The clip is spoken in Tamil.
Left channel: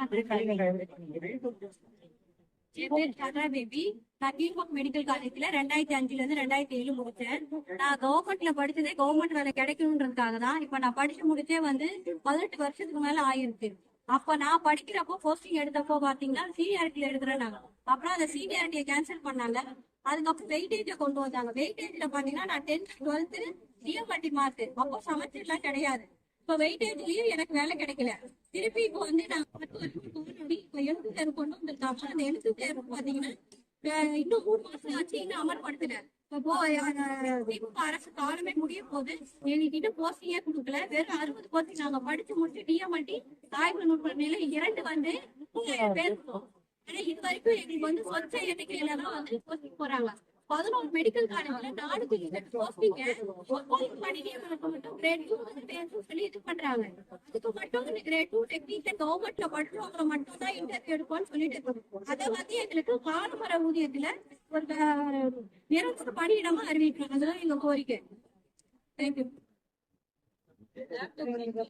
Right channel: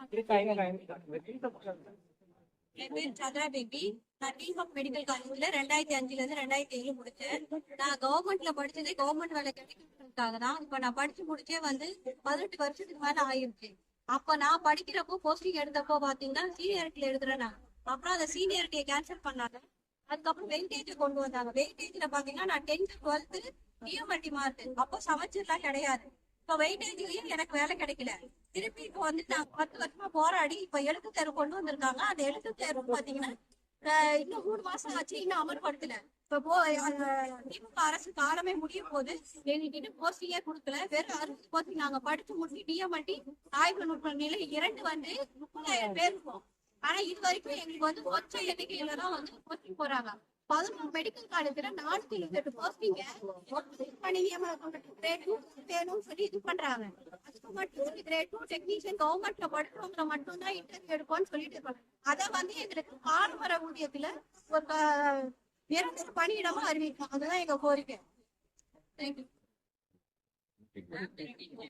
என் பேர் சந்திரா பேபி. நான் கீழ்பாக் மெடிக்கல் காலேஜ்ல 2005ல இருந்து 2007 முடிச்சேன். நான் கவர்மெண்ட்ல படிச்சதே கவர்மெண்ட் வேலை கிடைக்கணுன்றதுக்காக தான். இப்ப நான் படிச்சு முடிச்சே 18 வருஷத்துக்கு மேல ஆயிருக்கு. அப்ப நான் படிக்கிறப்போ போஸ்டிங் எடுத்தப்போ பாத்தீங்கன்னா சீனியாரிட்டியில எடுக்கிறேன் நாங்க. அப்புறம் அந்த சீனியாரிட்டியை கேன்சல் பண்ணாங்க. அதுக்கப்புறம் வெயிட்டேஜ கொண்டு வந்தாங்க. வெயிட்டேஜ்ல பாத்தீங்கன்னா நான் 10th 12th டிஎம்டி மார்க். அப்போ சமைச்சர்லாம் கிடையாது. இப்ப வெயிட்டேஜ்லயும் எனக்கு வேலை கிடைக்கல. திருப்பி இப்ப நான் 10 வருஷமா போராடி இப்ப எழுத்து தேர்வு கொண்டு வந்திருக்காங்க. அந்த எழுத்து தேர்வு பாத்தீங்கன்னா இன்னும் 3 மாசம் ஆச்சு, இன்னும் அமல்படுத்தல. இப்போ திமுக அரசு காலமே முடிய போது எங்ககிட்ட போஸ்டிங்கே கொடுக்கல. வெறும் 60 போஸ்டிங் நாங்க படிச்சு முடிச்சு டிஎம்டி ஆய்வு நுட்பமையில 2 30,000 பேர் இருக்கும். ஆனா இது வரைக்கும் எங்களுக்கு சொச்ச எண்ணிக்கையில தான் போஸ்டிங் போறாங்க. 11 மெடிக்கல் காலேஜ்ல 408 போஸ்டிங்க பணி நியமனத்துக்கு மட்டும் கிரேட் 2 வேணும்னு சொல்லி இது பண்றாங்க. அதுக்கு மட்டும் கிரேட் 2 டெக்னீஷியன் கவர்மெண்ட்ல படிச்சவங்க மட்டும் தான் இன்டர்வியூ எடுப்போம்னு சொல்லிட்டு இருக்காங்க. அதை எங்களுக்கு காலமர ஊதியத்துல ஒரு நிரந்தர பணியிடமா அறிவிக்கணும். அதுதான் எங்க கோரிக்கை. தேங்க்யூ.